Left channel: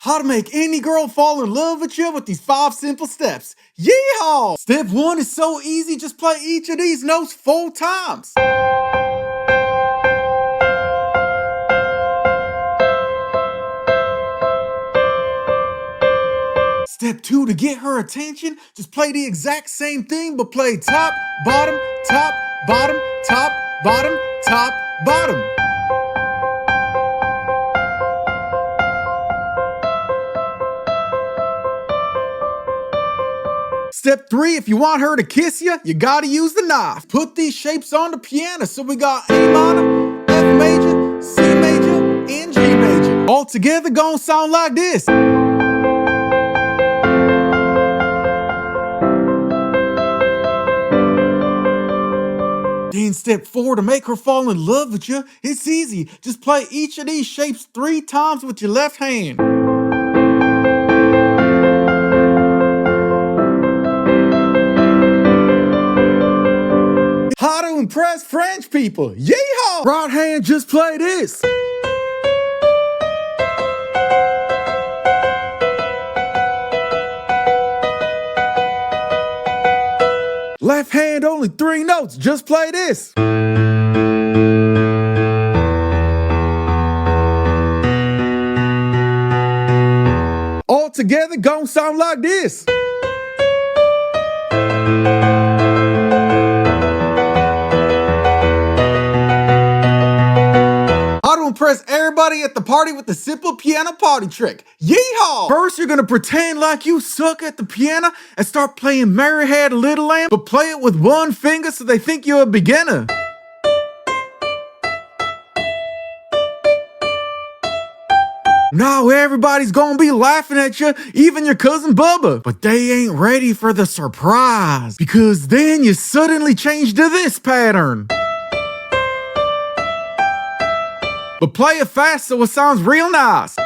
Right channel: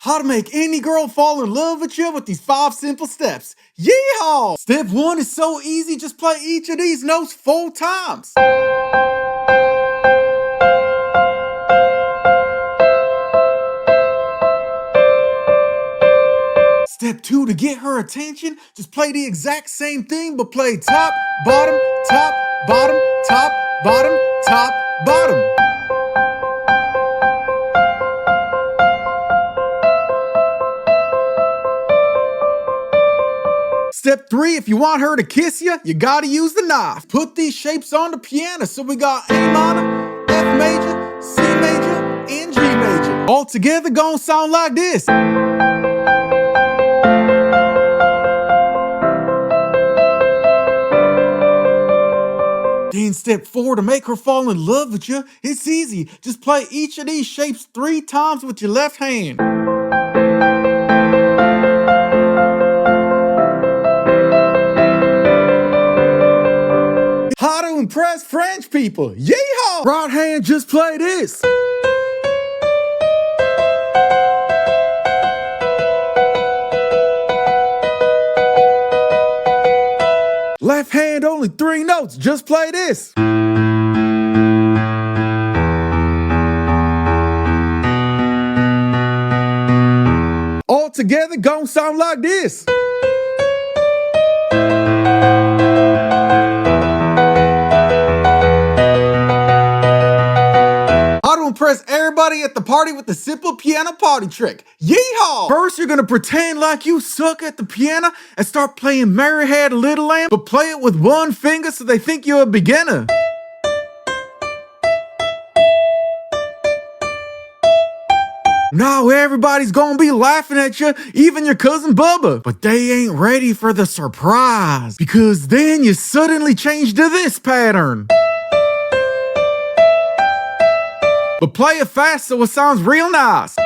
How to make any girl fall in love with you with these 5 simple steps. Yeehaw! Step 1 is so easy, just play each of these notes 4 times. Step 2, to get her attention, just play the exact same thing, but play top, bottom, top, bottom, top, bottom, top, bottom. Step 3, if you want her to kiss you, you gotta use the knife. Put these shapes on the piano, so we got A minor, F major, C major, and G major. All together gonna sound like this. Then step 4, to make her fall in love with you, it's easy. Just play each of these shapes 3 times with your left hand. How to impress French people. Yeehaw! Right hand, just play this. Left hand, only 3 notes, just play this. All together gon' sound like this. How to impress everybody at the party with the simple piano party trick. Yeehaw! First, you're gonna pretend like you suck at the piano and start playing Mary Had a Little Lamb, but play it with 1 finger so they think you're a beginner. Now everybody's gonna be laughing at you, even your cousin Bubba. But they ain't ready for the surprise, because then you suddenly change to this pattern. But play it fast so it sounds real nice.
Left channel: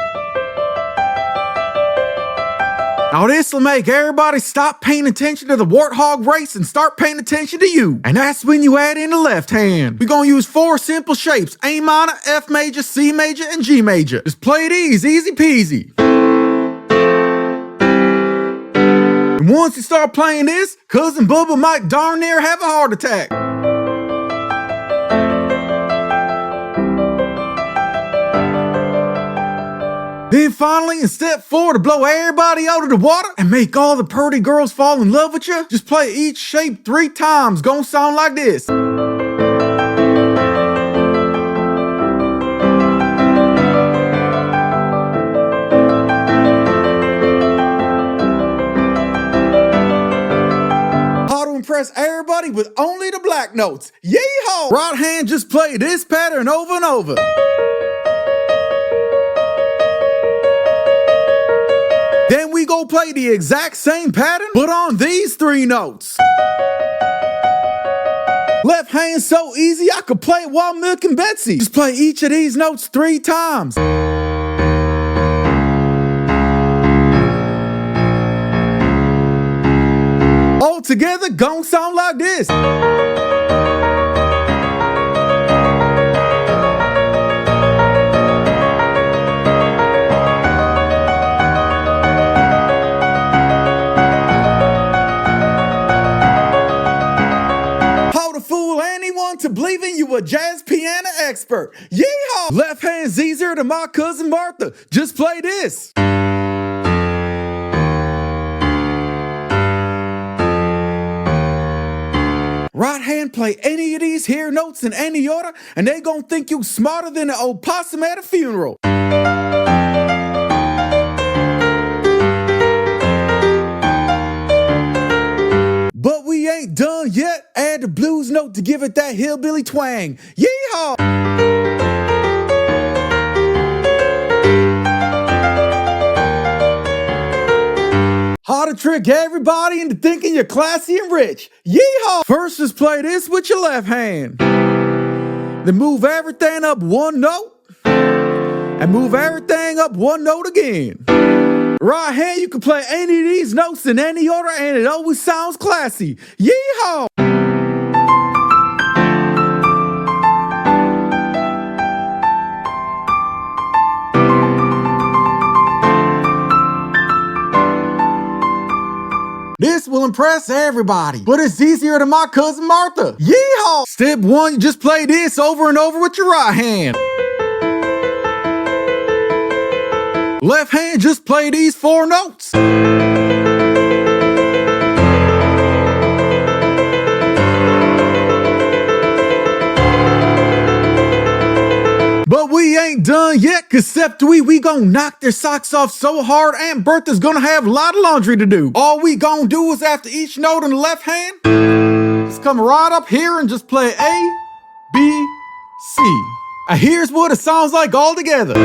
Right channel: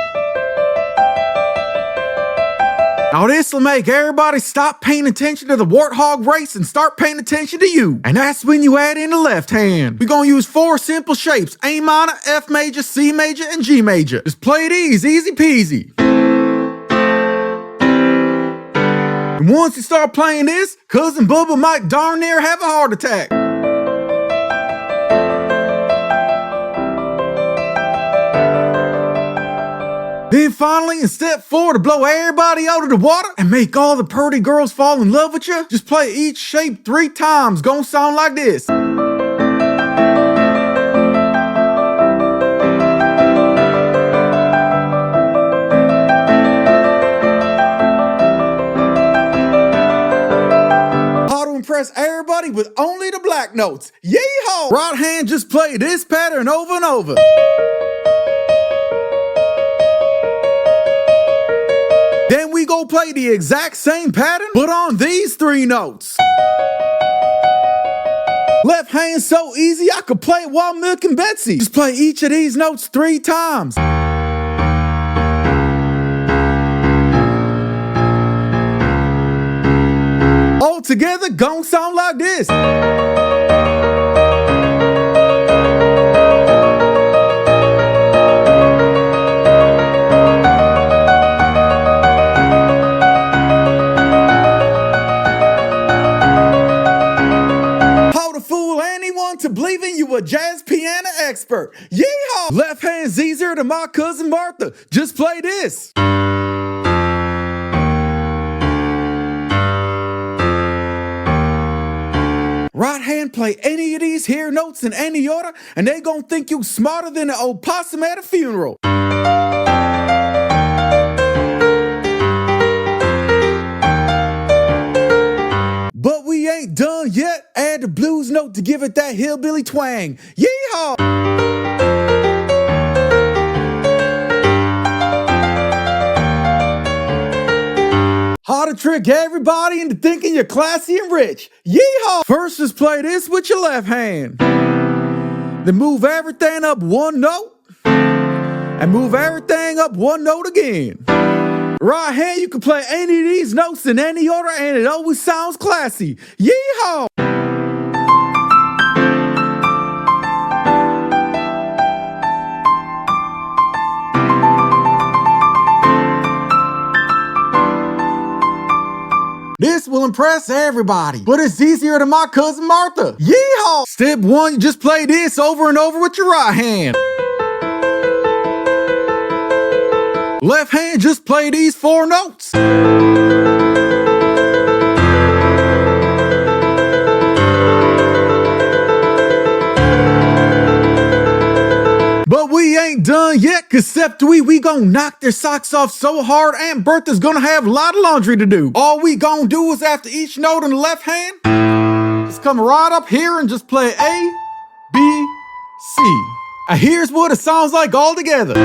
Now this'll make everybody stop paying attention to the warthog race and start paying attention to you. And that's when you add in the left hand. We're gonna use 4 simple shapes: A minor, F major, C major, and G major. Just play these, easy peasy. And once you start playing this, cousin Bubba might darn near have a heart attack. Then finally, in step 4, to blow everybody out of the water and make all the pretty girls fall in love with you, just play each shape 3 times. Gonna sound like this. How to impress everybody with only the black notes. Yeehaw! Right hand, just play this pattern over and over. Then we go play the exact same pattern, but on these 3 notes. Left hand so easy I could play it while milking Betsy. Just play each of these notes 3 times. All together gon' sound like this. To believing you a jazz piano expert. Yeehaw! Left hand Jazer to my cousin Martha. Just play this. Right hand, play any of these here notes in any order, and they gon' think you smarter than an opossum at a funeral. But we ain't done yet. Add the blues note to give it that hillbilly twang. Yeehaw! How to trick everybody into thinking you're classy and rich. Yeehaw! First, just play this with your left hand. Then move everything up 1 note. And move everything up 1 note again. Right hand, you can play any of these notes in any order and it always sounds classy. Yeehaw! this will impress everybody, but it's easier than my cousin Martha. Yeehaw! Step 1, you just play this over and over with your right hand. Left hand, just play these 4 notes. But we ain't done yet, cause step 3, we gon' knock their socks off so hard Aunt Bertha's gonna have a lot of laundry to do. All we gon' do is after each note in the left hand, just come right up here and just play A, B, C. And here's what it sounds like all together.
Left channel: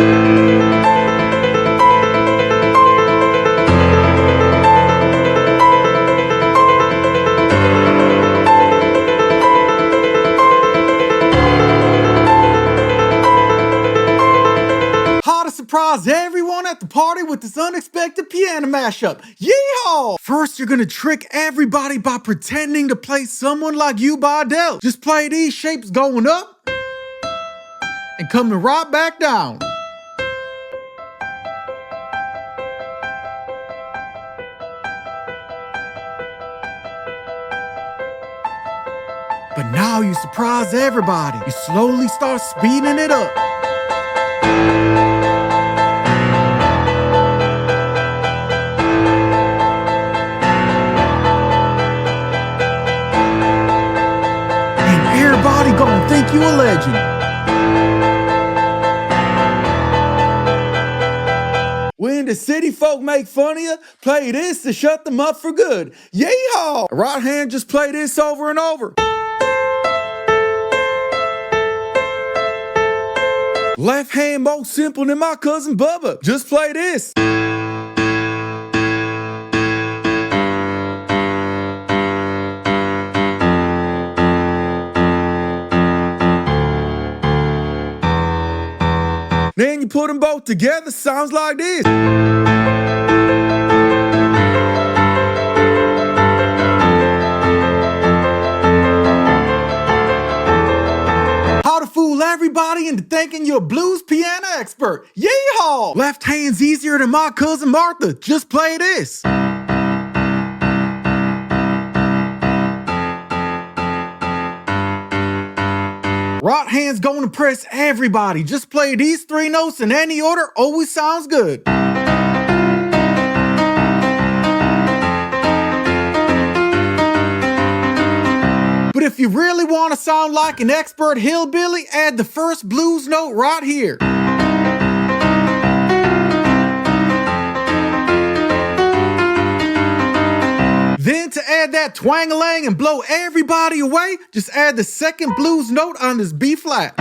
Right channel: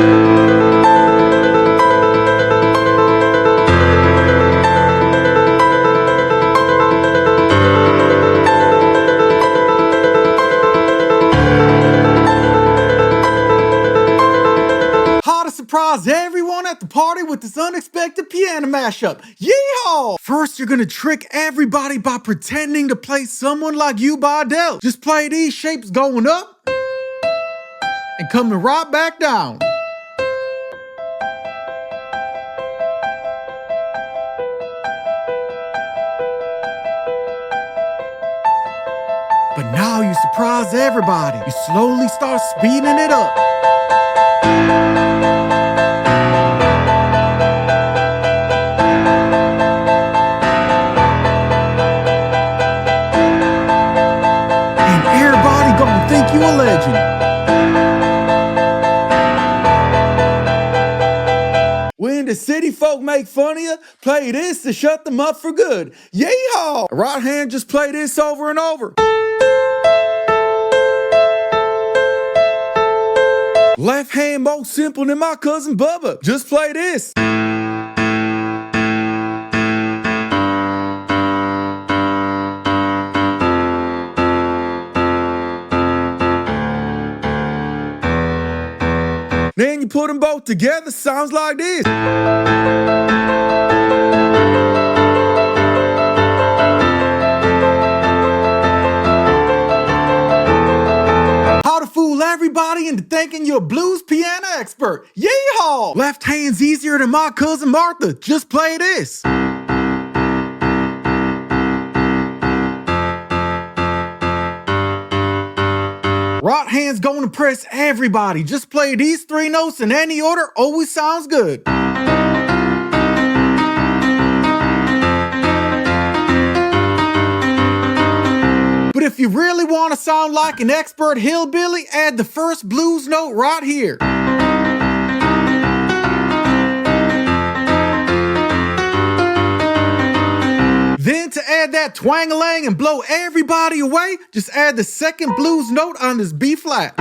Surprise everyone at the party with this unexpected piano mashup. Yeehaw! First, you're gonna trick everybody by pretending to play Someone Like You by Adele. Just play these shapes going up and coming right back down. But now you surprise everybody. You slowly start speeding it up. Everybody gonna think you a legend. When the city folk make fun of you, play this to shut them up for good. Yeehaw! Right hand, just play this over and over. Left hand, more simple than my cousin Bubba. Just play this. Then you put them both together, sounds like this. How to fool everybody into thinking you're a blues piano expert. Yeehaw! Left hand's easier than my cousin Martha. Just play this. Right hand's gonna impress everybody. Just play these 3 notes in any order, always sounds good. But if you really want to sound like an expert hillbilly, add the first blues note right here. Then to add that twang-a-lang and blow everybody away, just add the second blues note on this B flat.